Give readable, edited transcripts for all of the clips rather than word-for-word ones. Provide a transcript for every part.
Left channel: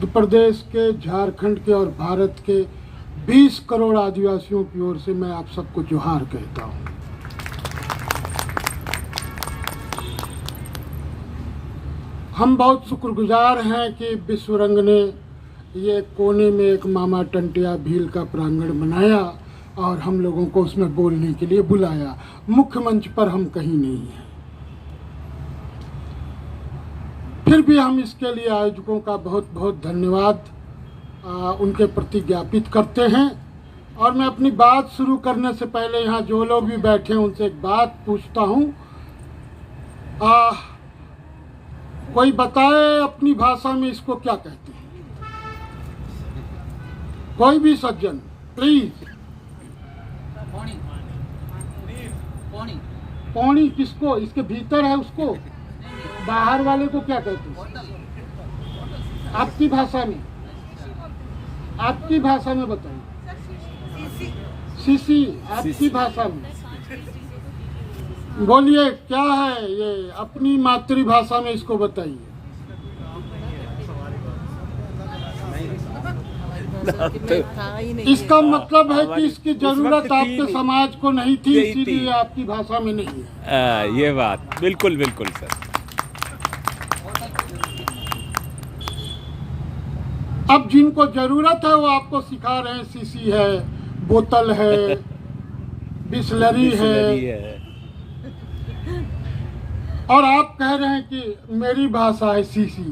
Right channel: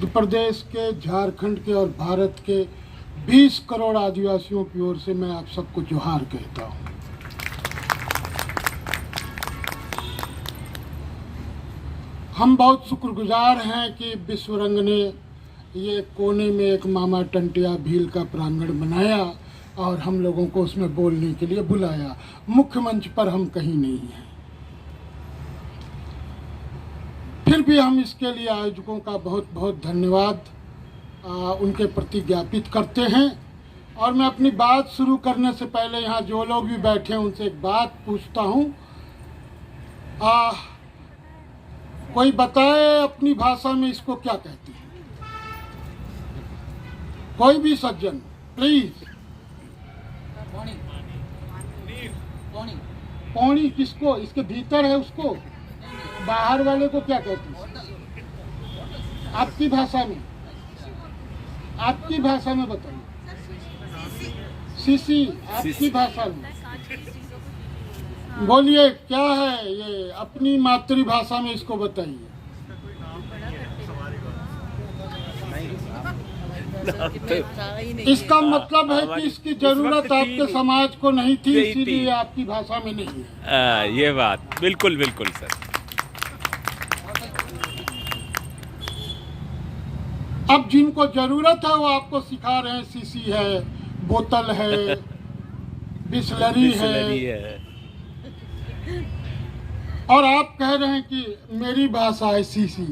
मध्य प्रदेश के, झारखंड के और भारत के 20 करोड़ आदिवासियों की ओर से मैं आप सबको जोहार कहता हूँ। हम बहुत शुक्रगुजार हैं कि विश्व रंग ने ये कोने में एक मामा टंटिया भील का प्रांगण बनाया और हम लोगों को उसमें बोलने के लिए बुलाया। मुख्य मंच पर हम कहीं नहीं हैं, फिर भी हम इसके लिए आयोजकों का बहुत बहुत धन्यवाद उनके प्रति ज्ञापित करते हैं। और मैं अपनी बात शुरू करने से पहले यहाँ जो लोग भी बैठे हैं उनसे एक बात पूछता हूँ, कोई बताए अपनी भाषा में इसको क्या कहते हैं? कोई भी सज्जन प्लीज। पौनी किसको? इसके भीतर है उसको? बाहर वाले को क्या कहते हैं आपकी भाषा में? आपकी भाषा में बताइए। सीसी आपकी भाषा में बोलिए, क्या है ये? अपनी मातृभाषा में इसको बताइए। इसका मतलब है कि इसकी जरूरत आपके समाज को नहीं थी, इसीलिए आपकी भाषा में नहीं है। ये बात बिल्कुल बिल्कुल सर। अब जिनको जरूरत है वो आपको सिखा रहे हैं। सीसी है, बोतल है, बिस्लरी है, और आप कह रहे हैं कि मेरी भाषा है सीसी।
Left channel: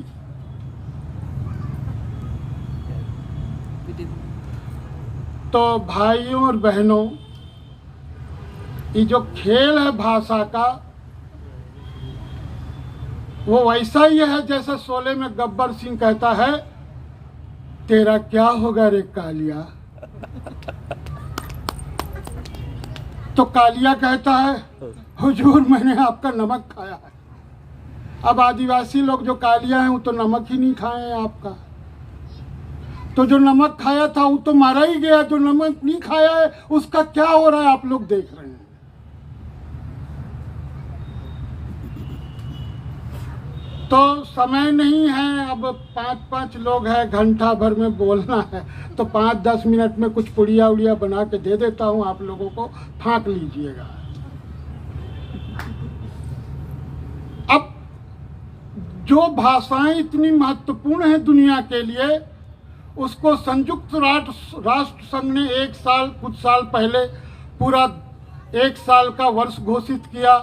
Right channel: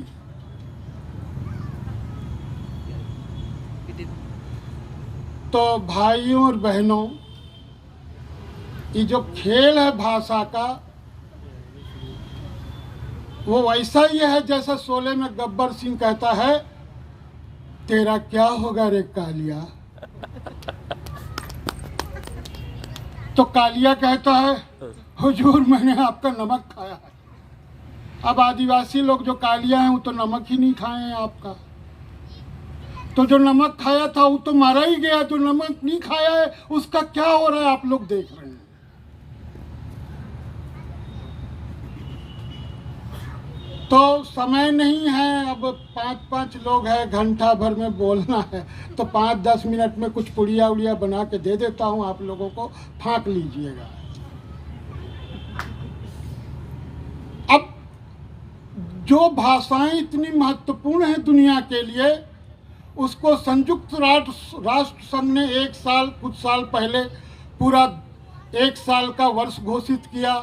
तो भाइयों और बहनों, ये जो खेल है भाषा का, वो वैसा ही है जैसे शोले में गब्बर सिंह कहता है, तेरा क्या होगा रे कालिया? तो कालिया कहता है, हुजूर मैंने आपका नमक खाया है। अब आदिवासी लोग जो कालिया हैं वो तो नमक ही नहीं खाए हैं आपका। तो जो नमक खाया था वो तो मारा ही गया, जो नमक नहीं खाया है उसका क्या हो रहा है आप लोग देख रहे हैं। तो समय नहीं है, अब 5-5 लोग हैं, घंटा भर में बोलना है, तो 5-10 मिनट में कुछ पुड़िया उड़िया बना के दे देता हूं, आप लोगों को फाँक लीजिएगा। अब जो भाषाएं इतनी महत्वपूर्ण हैं दुनिया के लिए, उसको संयुक्त राष्ट्र संघ ने कुछ साल पहले पूरा 1 साल का वर्ष घोषित किया,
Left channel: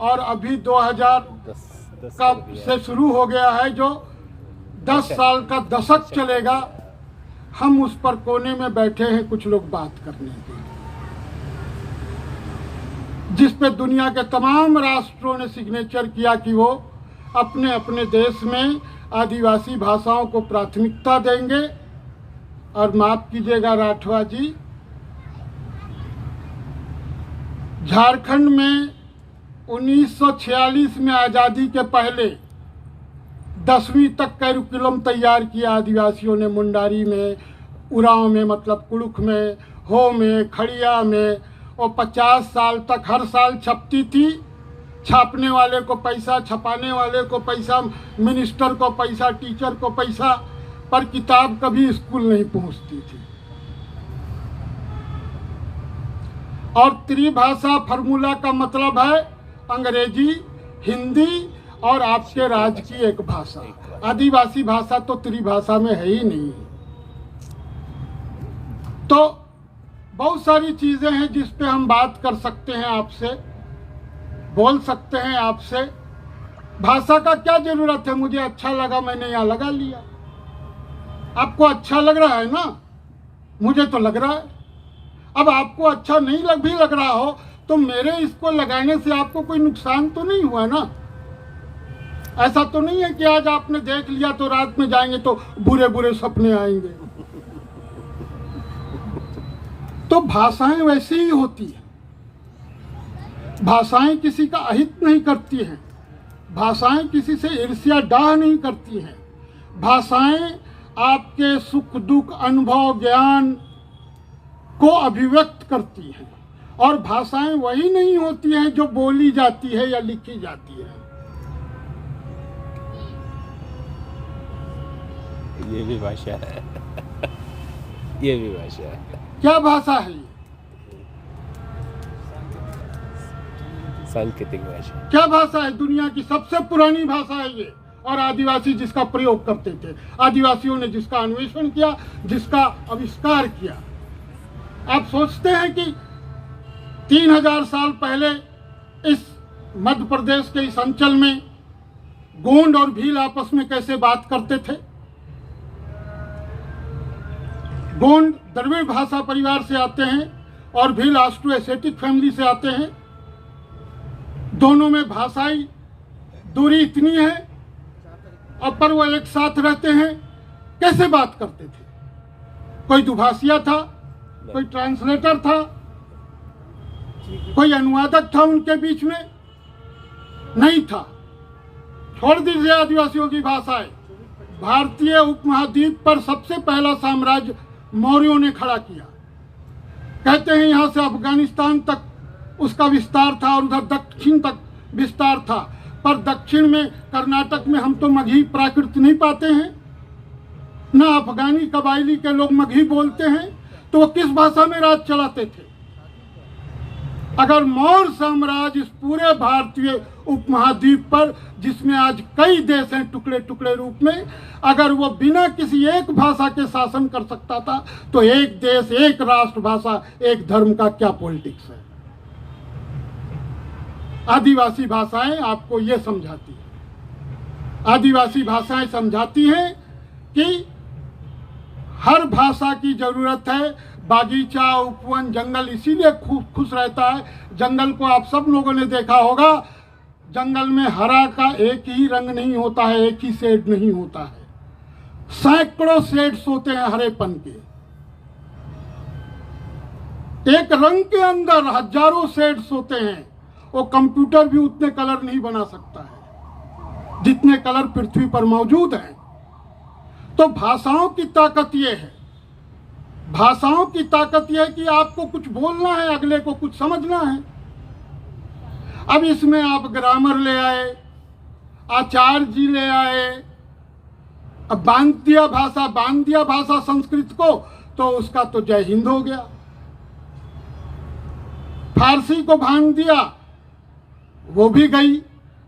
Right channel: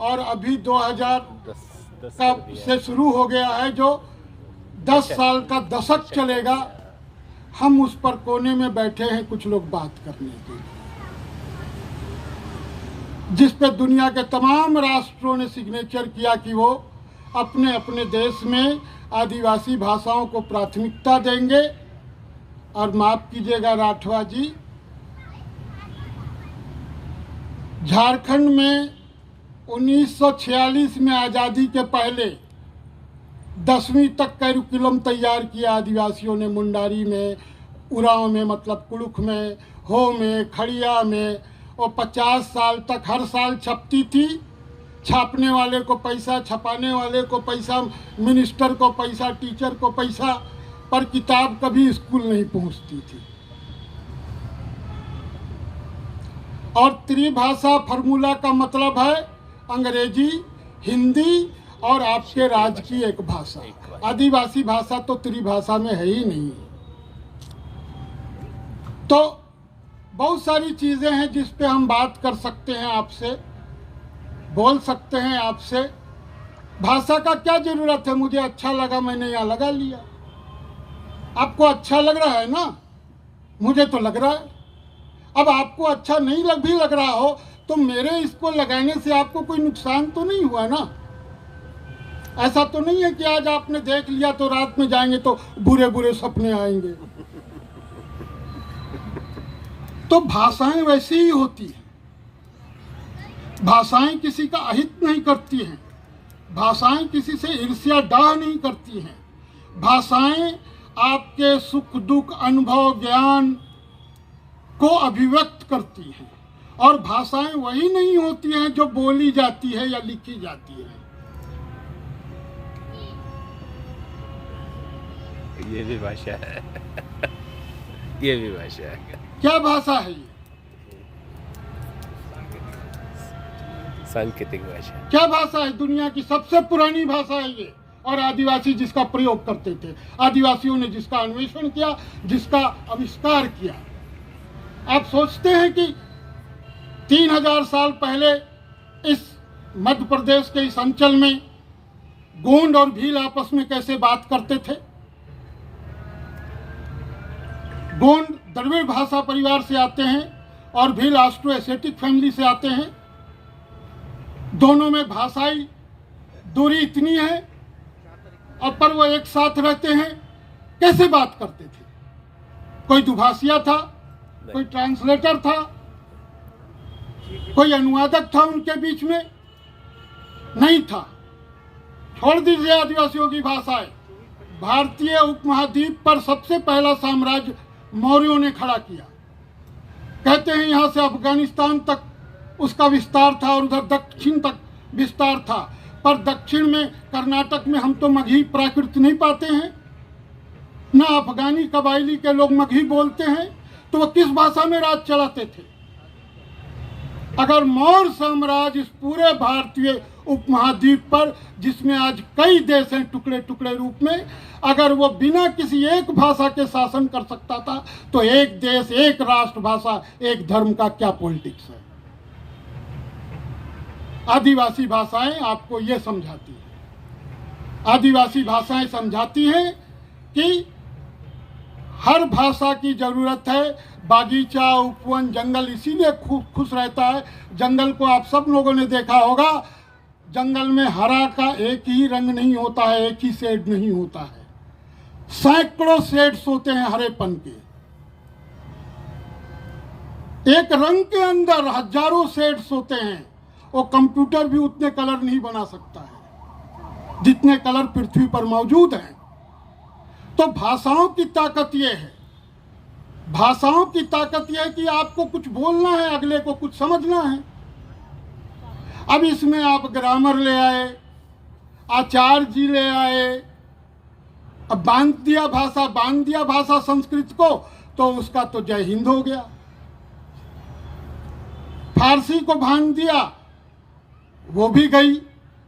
और अभी 2010 से शुरू हो गया है, जो 10 साल का दशक चलेगा। हम उस पर कोने में बैठे हैं कुछ लोग बात करने के लिए, जिस पे दुनिया के तमाम राष्ट्रों ने सिग्नेचर किया कि वो अपने अपने देश में आदिवासी भाषाओं को प्राथमिकता देंगे। और माफ कीजिएगा राठवा जी, झारखंड में 1946 में आज़ादी के पहले 10वीं तक कैरिकुलम तैयार किया आदिवासियों ने। मुंडारी में, उरांव में, मतलब कुड़ुख में, हो में, खड़िया में, और 50 साल तक हर साल छपती थी। छापने वाले को पैसा, छपाने वाले को पैसा, मिनिस्टर को पैसा, टीचर को पैसा, पर किताब कभी स्कूल नहीं पहुंचती थी। और त्रिभाषा फार्मूला का मतलब है अंग्रेजी, हिंदी और आपके राज्य की एक भाषा। आदिवासी भाषा तो त्रिभाषा में है ही नहीं। तो बहुत सारी चीजें हैं जिस पे हम बात कर सकते हैं, आपसे बोल सकते हैं आपसे। भाषा का क्या जरूरत है? मुझे अच्छा लगा, मैंने यहाँ लगा लिया। आपको अच्छा लग रहा है ना? मुझे तो लग रहा है। अब आपको अच्छा नहीं लग रहा हो तो मेरे इसको लगाने से आपको कोई नुकसान तो नहीं हुआ ना? ऐसा तो नहीं है कि आज आपने देख लिया तो रात में जाएंगे तो बुरे बुरे सपने आएंगे। तो भाषाएं वैसे ही होती है। भाषाएं किसी का अहित नहीं करती हैं, भाषाएं किसी से ईर्ष्या डाह नहीं करती हैं। भाषाएं आपके सुख दुख, अनुभव, ज्ञान को अभिव्यक्त करती हैं। और भाषाएं वही नहीं होती हैं जो बोली जाती है या लिखी जाती है। ये भी भाषा है। ये भी भाषा है। क्या भाषा है ये? सांकेतिक भाषा। क्या भाषा है? दुनिया की सबसे पुरानी भाषा है ये, और आदिवासी जिसका प्रयोग करते थे, आदिवासियों ने जिसका अन्वेषण किया, जिसका आविष्कार किया। आप सोचते हैं कि 3000 साल पहले इस मध्य प्रदेश के इस अंचल में गोंड और भील आपस में कैसे बात करते थे? गोंड द्रविड़ भाषा परिवार से आते हैं और भील ऑस्ट्रो एशियाटिक फैमिली से आते हैं। दोनों में भाषाई दूरी इतनी है, और पर वो एक साथ रहते हैं। कैसे बात करते थे? कोई दुभाषिया था, कोई ट्रांसलेटर था, कोई अनुवादक था उनके बीच में? नहीं था। छोड़ दीजिए आदिवासियों की भाषाएं। भारतीय उपमहाद्वीप पर सबसे पहला साम्राज्य मौर्यों ने खड़ा किया। कहते हैं यहां से अफगानिस्तान तक उसका विस्तार था और उधर दक्षिण तक विस्तार था, पर दक्षिण में कर्नाटक में हम तो मगही प्राकृत नहीं पाते हैं, ना अफगानी कबायली के लोग मगही बोलते हैं, तो वो किस भाषा में राज चलाते थे? अगर मौर्य साम्राज्य इस पूरे भारतीय उपमहाद्वीप पर, जिसमें आज कई देश हैं टुकड़े टुकड़े रूप में, अगर वो बिना किसी एक भाषा के शासन कर सकता था, तो एक देश, एक राष्ट्र भाषा, एक धर्म का क्या पॉलिटिक्स है? आदिवासी भाषाएं आपको ये समझाती है। आदिवासी भाषाएं समझाती हैं कि हर भाषा की जरूरत है। बागीचा, उपवन, जंगल इसीलिए खुश रहता है। जंगल को आप सब लोगों ने देखा होगा, जंगल में हरा का एक ही रंग नहीं होता है, एक ही शेड नहीं होता है, सैकड़ों शेड्स होते हैं हरेपन के। एक रंग के अंदर हजारों शेड्स होते हैं। वो कंप्यूटर भी उतने कलर नहीं बना सकता है जितने कलर पृथ्वी पर मौजूद हैं। तो भाषाओं की ताकत ये है, भाषाओं की ताकत यह है कि आपको कुछ बोलना है, अगले को कुछ समझना है। अब इसमें आप ग्रामर ले आए, आचार्य जी ले आए, अब बांध दिया भाषा संस्कृत को, तो उसका तो जय हिंद हो गया। फारसी को बांध दिया, वो भी गई।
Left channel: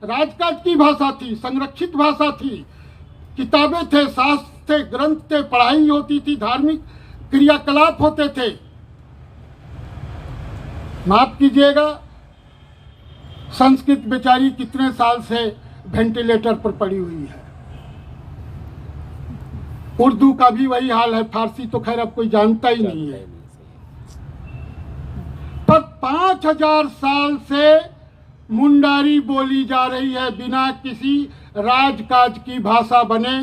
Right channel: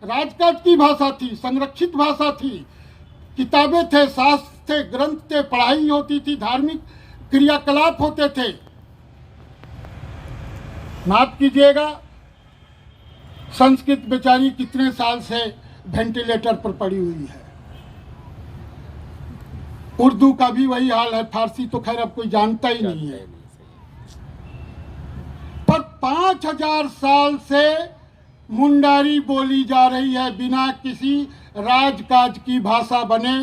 राजकाज की भाषा थी, संरक्षित भाषा थी, किताबें थे, शास्त्र थे, ग्रंथ थे, पढ़ाई होती थी, धार्मिक क्रियाकलाप होते थे। माफ कीजिएगा, संस्कृत बेचारी कितने साल से वेंटिलेटर पर पड़ी हुई है। उर्दू का भी वही हाल है, फारसी तो खैर अब कोई जानता ही नहीं है। पर 5000 साल से मुंडारी बोली जा रही है, बिना किसी राजकाज की भाषा बने,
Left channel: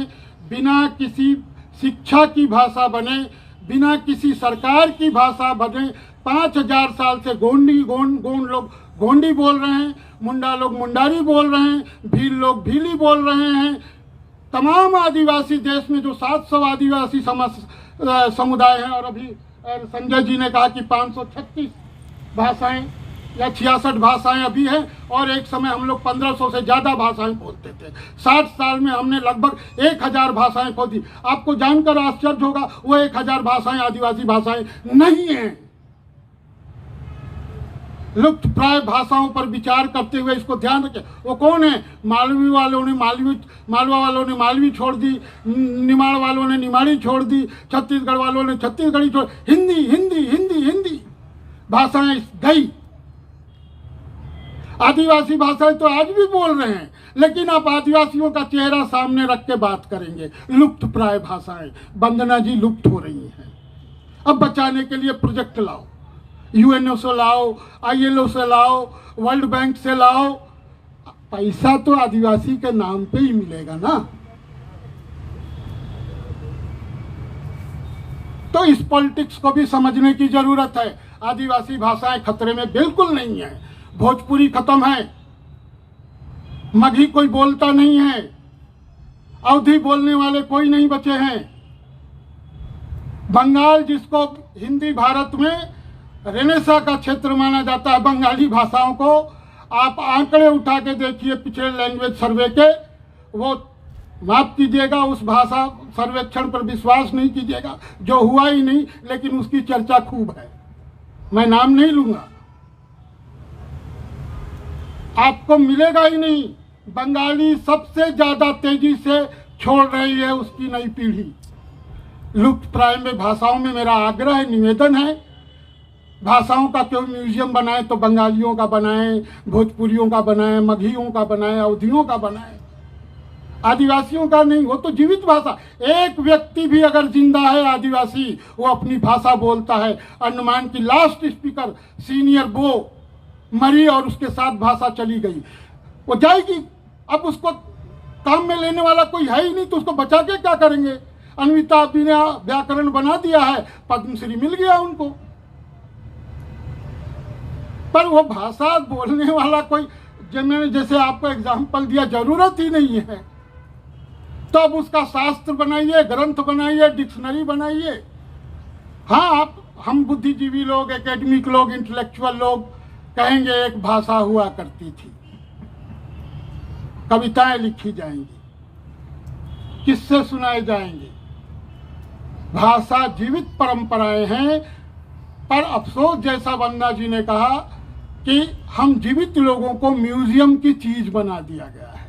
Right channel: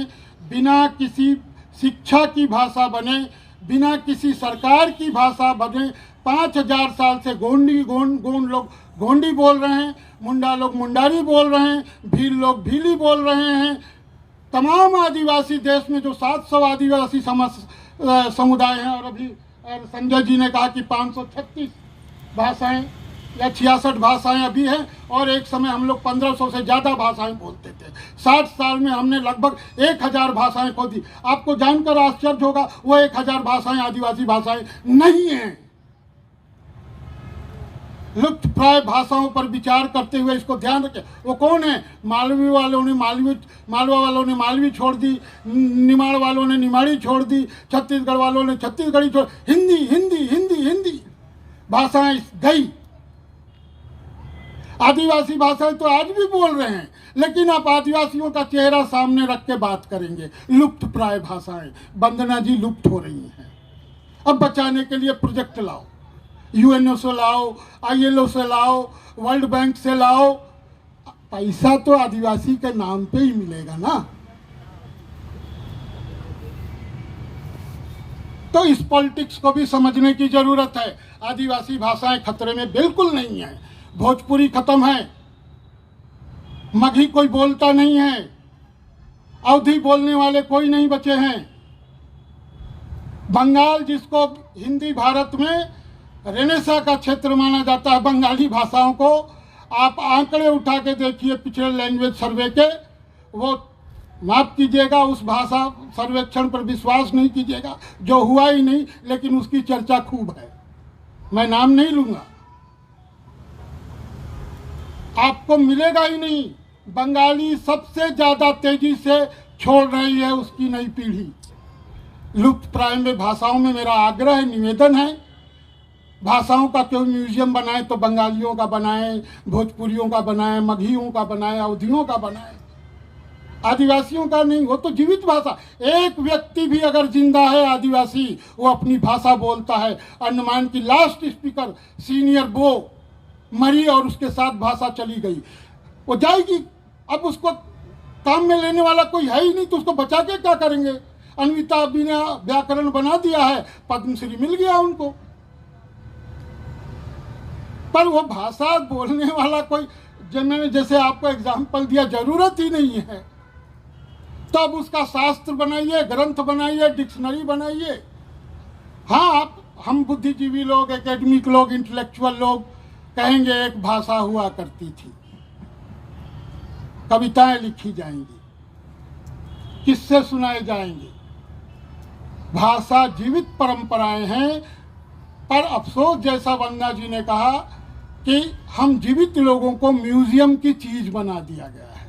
बिना किसी शिक्षा की भाषा बने, बिना किसी सरकार की भाषा बने। 5000 साल से गोंड लोग गोंडी बोल रहे हैं, मुंडा लोग मुंडारी बोल रहे हैं, भील लोग भीली बोल रहे हैं। तमाम आदिवासी देश में जो 700 आदिवासी समुदाय हैं, और अभी संजय जी ने कहा कि 536 भाषाएं या 66 भाषाएं अभी हैं, और एक समय हम लोग 1500 से ज़्यादा भाषाएं बोलते थे। 60 साल में हमने लगभग 1000 भाषाएं खो दी। आपको जानकर आश्चर्य होगा, वो 1000 भाषाएं आदिवासी भाषाएं नहीं हैं। लुप्त प्राय भाषाओं पर विचार करते हुए इसको ध्यान रखें। वो कौन है? मालवा वालों ने मालवी छोड़ दी, निमाड़ वालों ने निमाड़ी छोड़ दी, छत्तीसगढ़ वालों ने छत्तीसगढ़ी छोड़, हिंदी हिंदी हिंदी हिंदी भाषाएं गई। आदिवासी भाषाएं तो आज भी बोल रहे हैं, लेकिन आप आदिवासियों का चेहरा सामने रख के बात करेंगे। लुप्त प्राय भाषाएं, वंदना जी, लुप्त हो रही हैं। अब बचाने के लिए प्रोजेक्ट लाओ, यूएनओ से लाओ, आईएलओ से लाओ, वर्ल्ड बैंक से लाओ। पैसा तो आदिवासी के नाम पे ही मिलेगा ना। तो इस पॉलिटिक्स को भी समझने की जरूरत है। आदिवासी भाषाएं खतरे में बिल्कुल नहीं है। भोजपुरी खत्म है, मगही कोई बोलता नहीं है, अवधी बोलने वाले कोई नहीं बचे हैं। बंगाल, जिसको हिंदी भारत में रेनेसा का क्षेत्र माना जाता है, बंगाली भाषाओं को आप आंकड़े उठा के देखिए पिछले लैंग्वेज सर्वे के, वो माफ कीजिएगा, उस भाषा सर्वेक्षण पर विश्वास नहीं कीजिएगा जो हुआ ही नहीं, लेकिन उसकी चर्चा खूब है। मैं नाम नहीं लूंगा, आपको मिलेगा ही नहीं। बंगाली सबसे ज्यादा तेजी से छोड़ रही है उसकी नई पीढ़ी। लुप्त प्राय में भाषाओं में मेरा आग्रह है, निवेदन है, भाषाओं का कोई म्यूजियम बनाए तो बंगालियों का बनाए, भोजपुरियों का बनाए, मगहियों का बनाए, अवधियों का बनाए, आदिवासियों का नहीं। वो तो जीवित भाषा, एक व्यक्ति भी अगर जिंदा है आदिवासी, वो अपनी भाषा बोलता है। अंडमान की लास्ट स्पीकर सीनियर बो मरी और उसके साथ भाषा चली गई, वो जाएगी। अब उसको काम में लेने वाला कोई है ही नहीं, तो उसको बचा के क्या करेंगे। अन्विता बिना व्याकरण बना दिया है, पद्मश्री मिल गया उनको, पर वो भाषा बोलने वाला कोई, मैंने जैसे आपको एग्जाम्पल दिया, जरूरत ही नहीं है। तो अब उसका शास्त्र बनाइए, ग्रंथ बनाइए, डिक्शनरी बनाइए। हाँ, आप हम बुद्धिजीवी लोग, एकेडमिक लोग, इंटेलेक्चुअल लोग कहेंगे एक भाषा हुआ करती थी, कविताएं लिखी जाएंगी, किस्से सुनाए जाएंगे। भाषा जीवित परंपराएं हैं, पर अफसोस जैसा वंदना जी ने कहा कि हम जीवित लोगों को म्यूजियम की चीज बना दिया गया है।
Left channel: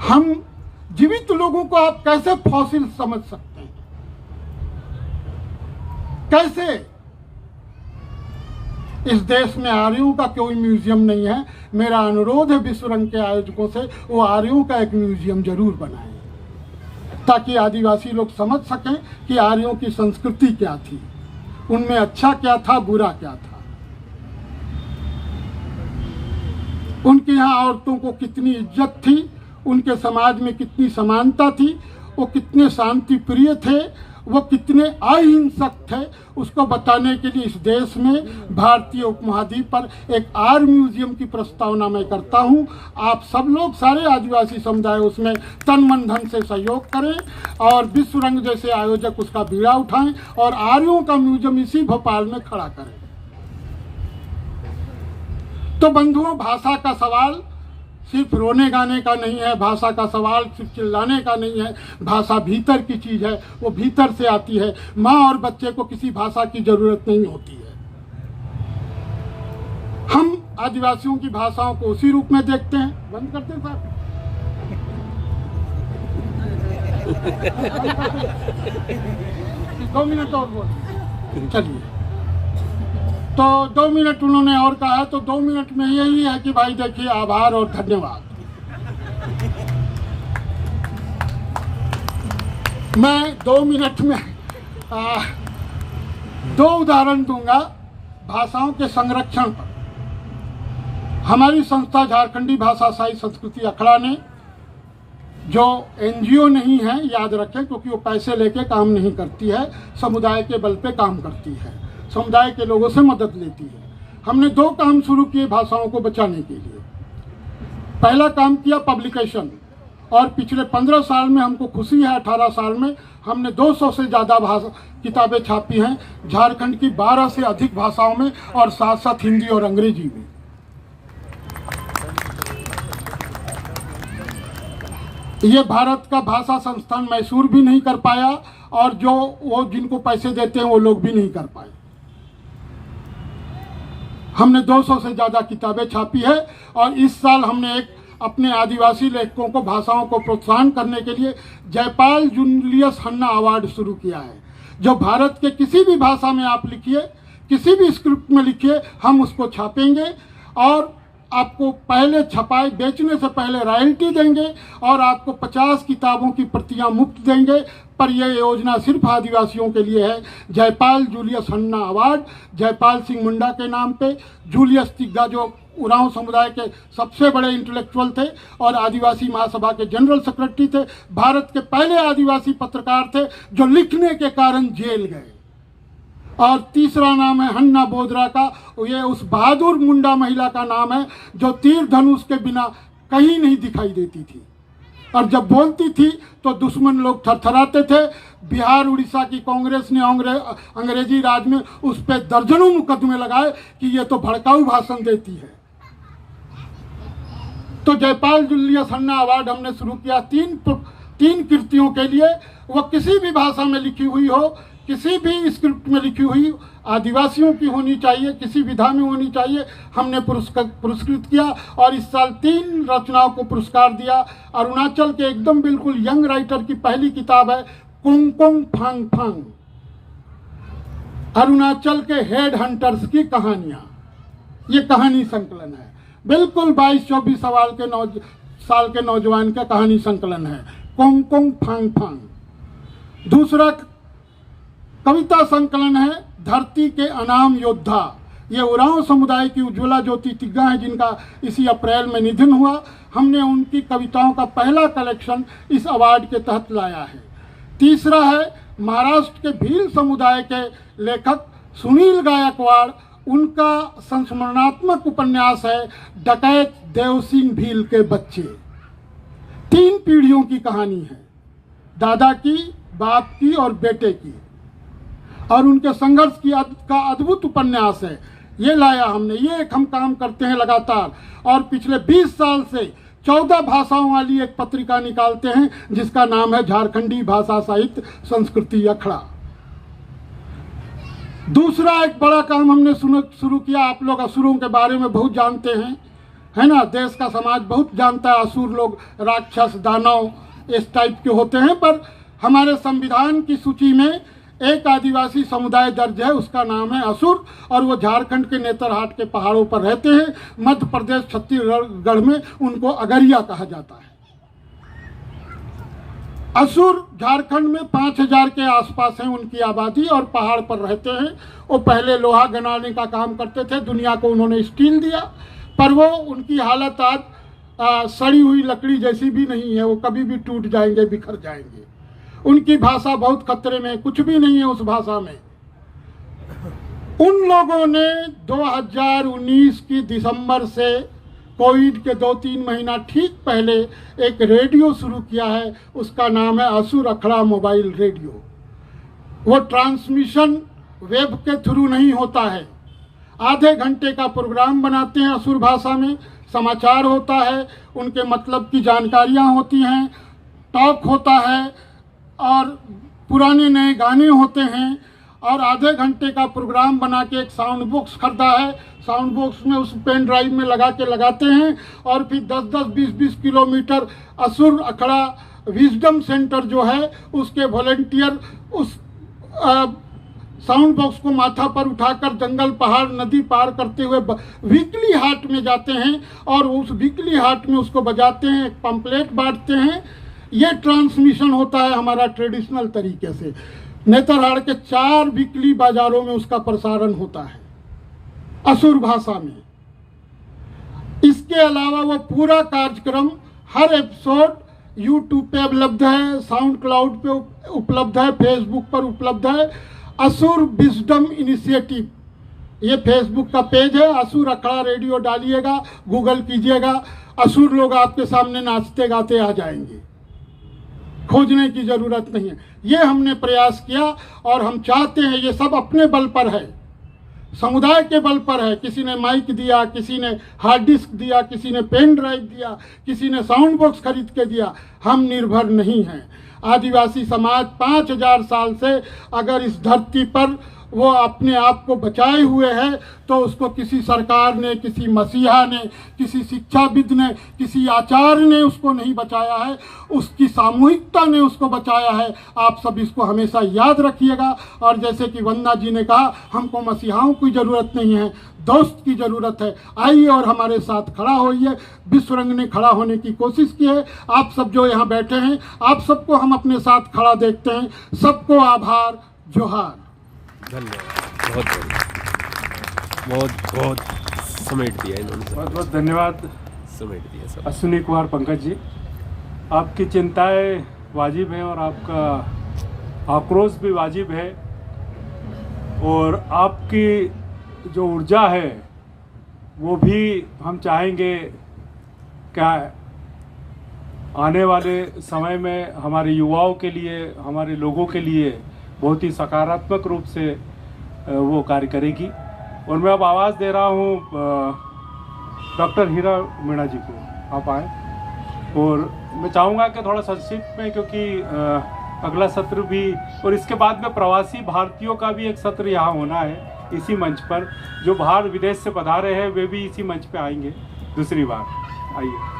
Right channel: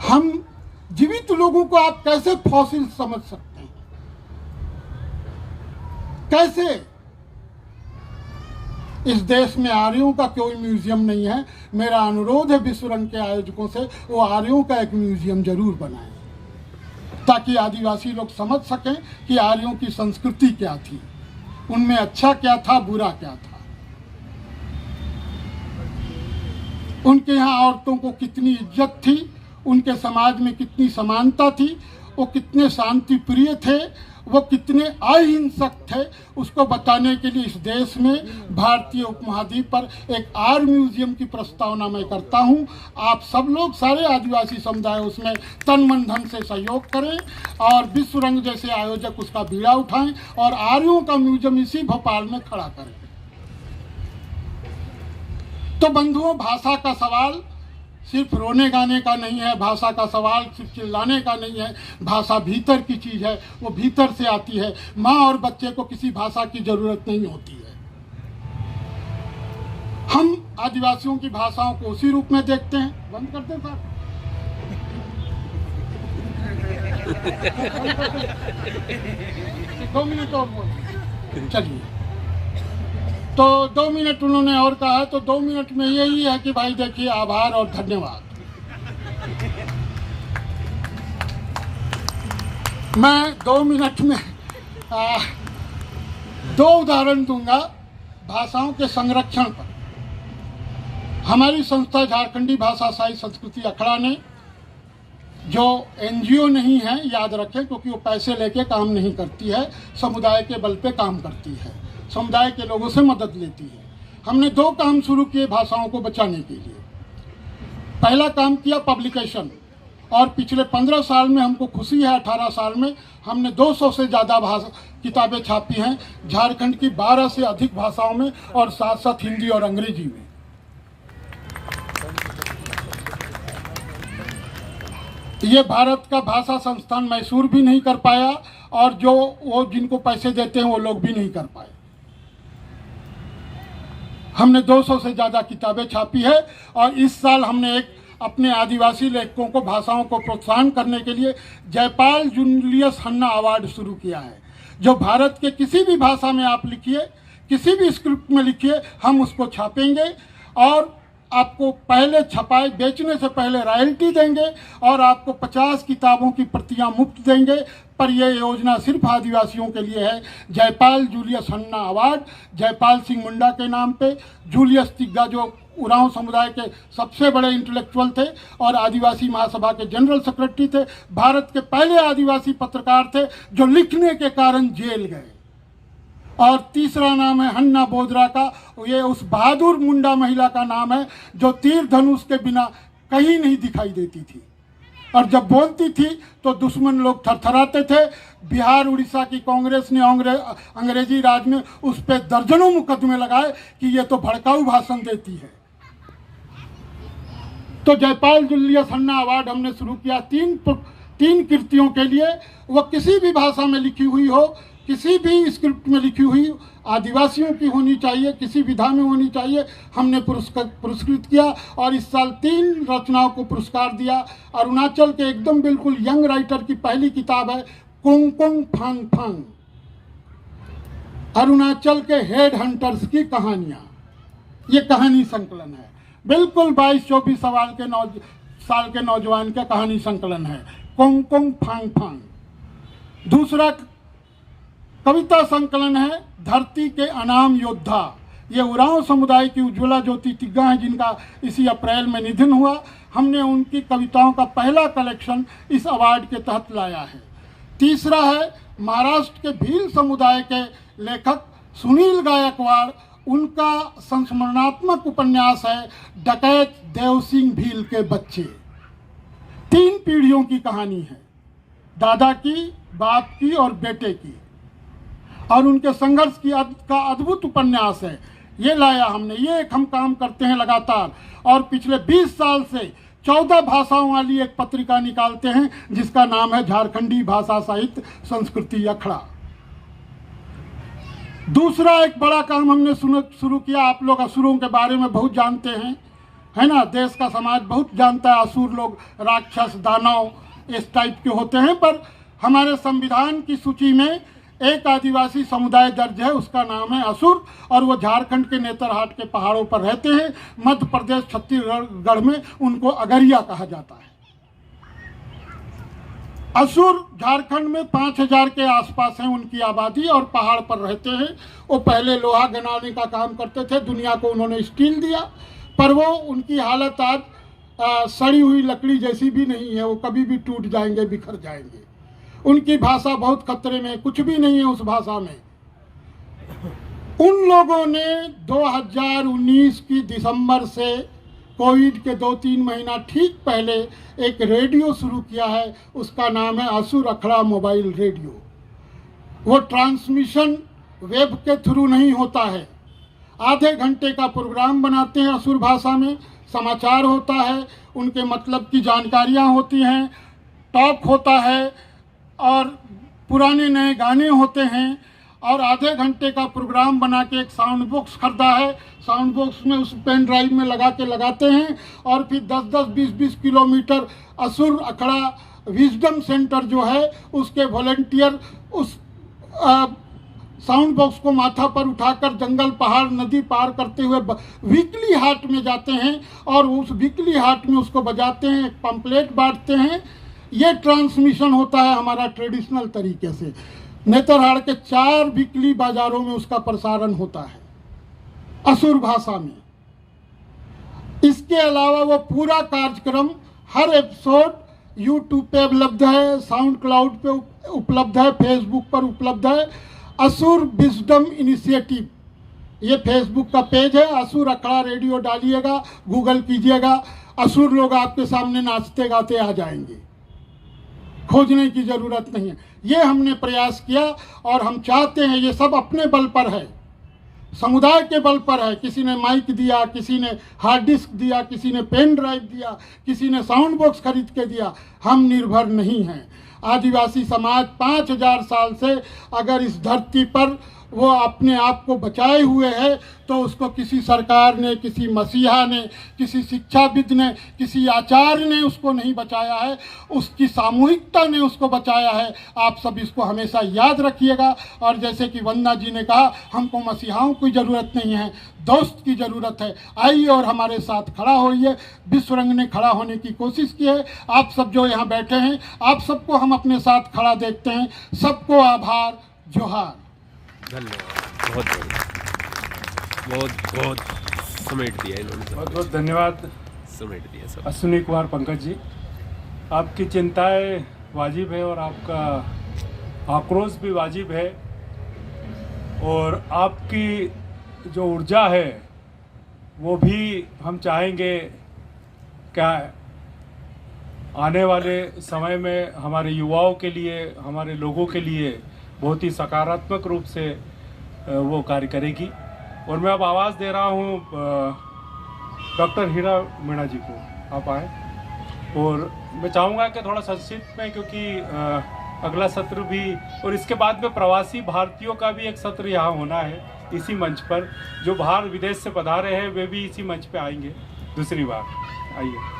हम जीवित लोगों को आप कैसे फॉसिल समझ सकते हैं? कैसे? इस देश में आर्यों का कोई म्यूजियम नहीं है। मेरा अनुरोध है विश्व रंग के आयोजकों से, वो आर्यों का एक म्यूजियम जरूर बनाएं, ताकि आदिवासी लोग समझ सकें कि आर्यों की संस्कृति क्या थी, उनमें अच्छा क्या था, बुरा क्या था, उनके यहाँ औरतों को कितनी इज्जत थी, उनके समाज में कितनी समानता थी, वो कितने शांति प्रिय थे, वो कितने अहिंसक थे। उसको बताने के लिए इस देश में भारतीय उपमहाद्वीप पर एक आर म्यूजियम की प्रस्तावना मैं करता हूँ। आप सब लोग, सारे आदिवासी समुदाय उसमें तन मन धन से सहयोग करें और विश्व रंग जैसे आयोजक उसका बीड़ा उठाएं और आर्यों का म्यूजियम इसी भोपाल में खड़ा करें। तो बंधुओं, भाषा का सवाल सिर्फ रोने गाने का नहीं है, भाषा का सवाल सिर्फ चिल्लाने का नहीं है। भाषा भीतर की चीज है, वो भीतर से आती है। माँ और बच्चे को किसी भाषा की जरूरत नहीं होती है। हम आदिवासियों की भाषाओं को उसी रूप में देखते हैं। बंद करते हैं साहब। 2 मिनट और बोल, चलिए। तो 2 मिनट उन्होंने और कहा, तो 2 मिनट में यही है कि भाई देखिए, आभार और धन्यवाद। मैं 2 मिनट में 2 उदाहरण दूंगा भाषाओं के संरक्षण पर। हमारी संस्था झारखंडी भाषा साहित्य संस्कृति अखड़ा ने, जो एनजीओ नहीं है, याद रखें, क्योंकि वो पैसे लेके काम नहीं करती है, समुदाय के बल पे काम करती है, समुदाय के लोगों से मदद लेती है। हमने 2 काम शुरू किए भाषाओं को बचाने के लिए। पहला काम किया पब्लिकेशन, और पिछले 15 साल में हमको खुशी है, 18 साल में हमने 200 से ज़्यादा किताबें छापी हैं, झारखंड की 12 से अधिक भाषाओं में और साथ साथ हिंदी और अंग्रेजी में। ये भारत का भाषा संस्थान मैसूर भी नहीं कर पाया, और जो वो जिनको पैसे देते हैं वो लोग भी नहीं कर पाए। हमने 200 से ज़्यादा किताबें छापी है, और इस साल हमने एक अपने आदिवासी लेखकों को भाषाओं को प्रोत्साहन करने के लिए जयपाल जूलियस हन्ना अवार्ड शुरू किया है। जो भारत के किसी भी भाषा में आप लिखिए, किसी भी स्क्रिप्ट में लिखिए, हम उसको छापेंगे और आपको पहले छपाए बेचने से पहले रॉयल्टी देंगे, और आपको 50 किताबों की प्रतियां मुफ्त देंगे। पर यह योजना सिर्फ आदिवासियों के लिए है। जयपाल जूलियस हन्ना अवार्ड जयपाल सिंह मुंडा के नाम पे। जूलियस तिग्गा जो उरांव समुदाय के सबसे बड़े इंटेलेक्चुअल थे और आदिवासी महासभा के जनरल सेक्रेटरी थे, भारत के पहले आदिवासी पत्रकार थे जो लिखने के कारण जेल गए। और तीसरा नाम है हन्ना बोदरा का, ये उस बहादुर मुंडा महिला का नाम है जो तीर धनुष के बिना कहीं नहीं दिखाई देती थी, और जब बोलती थी तो दुश्मन लोग थरथराते थे। बिहार उड़ीसा की कांग्रेस ने अंग्रेजी राज में उस पर दर्जनों मुकदमे लगाए कि ये तो भड़काऊ भाषण देती है। तो जयपाल जुलियस अन्ना अवार्ड हमने शुरू किया तीन कृतियों के लिए। वह किसी भी भाषा में लिखी हुई हो, किसी भी स्क्रिप्ट में लिखी हुई, आदिवासियों की होनी चाहिए, किसी विधा में होनी चाहिए। हमने पुरस्कृत किया और इस साल 3 रचनाओं को पुरस्कार दिया। अरुणाचल के एकदम बिल्कुल यंग राइटर की पहली किताब है कोंगकोंग फांग फांग, अरुणाचल के हेड हंटर्स की कहानियां। ये कहानी संकलन है, बिल्कुल 22-24 साल के नौजवान का कहानी संकलन है कोंगकोंग फांग फांग। दूसरा कविता संकलन है धरती के अनाम योद्धा। ये उरांव समुदाय की उज्ज्वला ज्योति तिग्गा है, जिनका इसी अप्रैल में निधन हुआ। हमने उनकी कविताओं का पहला कलेक्शन इस अवार्ड के तहत लाया है। तीसरा है महाराष्ट्र के भील समुदाय के लेखक सुनील गायकवाड़, उनका संस्मरणात्मक उपन्यास है डकैत देव सिंह भील के बच्चे। 3 पीढ़ियों की कहानी है, दादा की, बाप की और बेटे की, और उनके संघर्ष का अद्भुत उपन्यास है। ये लाया हमने। ये एक हम काम करते हैं लगातार, और पिछले 20 साल से 14 भाषाओं वाली एक पत्रिका निकालते हैं जिसका नाम है झारखंडी भाषा साहित्य संस्कृति अखड़ा। दूसरा एक बड़ा काम हमने शुरू किया। आप लोग असुरों के बारे में बहुत जानते हैं, है ना। देश का समाज बहुत जानता है असुर लोग राक्षस दानव इस टाइप के होते हैं, पर हमारे संविधान की सूची में एक आदिवासी समुदाय दर्ज है, उसका नाम है असुर, और वो झारखंड के नेतरहाट के पहाड़ों पर रहते हैं। मध्य प्रदेश छत्तीसगढ़ में उनको अगरिया कहा जाता है। असुर झारखंड में 5000 के आसपास है उनकी आबादी, और पहाड़ पर रहते हैं। वो पहले लोहा गनाने का काम करते थे, दुनिया को उन्होंने स्टील दिया, पर वो उनकी हालत आज सड़ी हुई लकड़ी जैसी भी नहीं है। वो कभी भी टूट जाएंगे, बिखर जाएंगे। उनकी भाषा बहुत खतरे में, कुछ भी नहीं है उस भाषा में। उन लोगों ने 2019 की दिसंबर से कोविड के 2-3 महीना ठीक पहले एक रेडियो शुरू किया है, उसका नाम है असुर अखड़ा मोबाइल रेडियो। वो ट्रांसमिशन वेब के थ्रू नहीं होता है, आधे घंटे का प्रोग्राम बनाते हैं असुर भाषा में, समाचार होता है, उनके मतलब की जानकारियां होती हैं, टॉक होता है, और पुराने नए गाने होते हैं। और आधे घंटे का प्रोग्राम बना के एक साउंड बॉक्स खरीदा है, साउंड बॉक्स में उस पेन ड्राइव में लगा के लगाते हैं, और फिर 10-10, 20-20 किलोमीटर असुर अखड़ा विजडम सेंटर जो है उसके वॉलंटियर उस साउंड बॉक्स को माथा पर उठाकर जंगल पहाड़ नदी पार करते हुए वीकली हाट में जाते हैं, और उस वीकली हाट में उसको बजाते हैं, एक पंपलेट बांटते हैं। ये ट्रांसमिशन होता है हमारा ट्रेडिशनल तरीके से। नेतरहाट के 4 वीकली बाजारों में उसका प्रसारण होता है असुर भाषा में। इसके अलावा वो पूरा कार्यक्रम, हर एपिसोड यूट्यूब पे उपलब्ध है, साउंड क्लाउड पे उपलब्ध है, फेसबुक पर उपलब्ध है। असुर विजडम इनिशिएटिव, ये फेसबुक का पेज है। असुर अखड़ा रेडियो डालिएगा, गूगल कीजिएगा, असुर लोग आपके सामने नाचते गाते आ जाएंगे, खोजने की जरूरत नहीं है। ये हमने प्रयास किया, और हम चाहते हैं, ये सब अपने बल पर है, समुदाय के बल पर है। किसी ने माइक दिया, किसी ने हार्ड डिस्क दिया, किसी ने पेन ड्राइव दिया, किसी ने साउंड बॉक्स खरीद के दिया। हम निर्भर नहीं हैं। आदिवासी समाज 5000 साल से अगर इस धरती पर वो अपने आप को बचाए हुए है, तो उसको किसी सरकार ने, किसी मसीहा ने, किसी शिक्षाविद ने, किसी आचार्य ने उसको नहीं बचाया है, उसकी सामूहिकता ने उसको बचाया है। आप सब इसको हमेशा याद रखिएगा। और जैसे कि वंदना जी ने कहा, हमको मसीहाओं की ज़रूरत नहीं है, दोस्त की ज़रूरत है। आइए और हमारे साथ खड़ा होइए। विश्व रंग ने खड़ा होने की कोशिश की है। आप सब जो यहाँ बैठे हैं, आप सबको हम अपने साथ खड़ा देखते हैं। सबको आभार, जोहार। धन्यवाद, बहुत बढ़िया, बहुत बहुत समेट दिया इन्होंने, बहुत बहुत धन्यवाद समेट दिया सब। अश्विनी कुमार पंकज जी, आपकी चिंताएं वाजिब है और आपका आक्रोश भी वाजिब है, और आपकी जो ऊर्जा है वो भी हम चाहेंगे क्या आने वाले समय में हमारे युवाओं के लिए, हमारे लोगों के लिए बहुत ही सकारात्मक रूप से वो कार्य करेगी। और मैं अब आवाज़ दे रहा हूँ डॉक्टर हीरा मीणा जी को। आप आए। और मैं चाहूँगा कि थोड़ा संक्षिप्त में, क्योंकि अगला सत्र भी और इसके बाद में प्रवासी भारतीयों का भी एक सत्र यहाँ होना है इसी मंच पर। जो बाहर विदेश से पधारे हैं वे भी इसी मंच पे आएंगे दूसरी बार। आइए।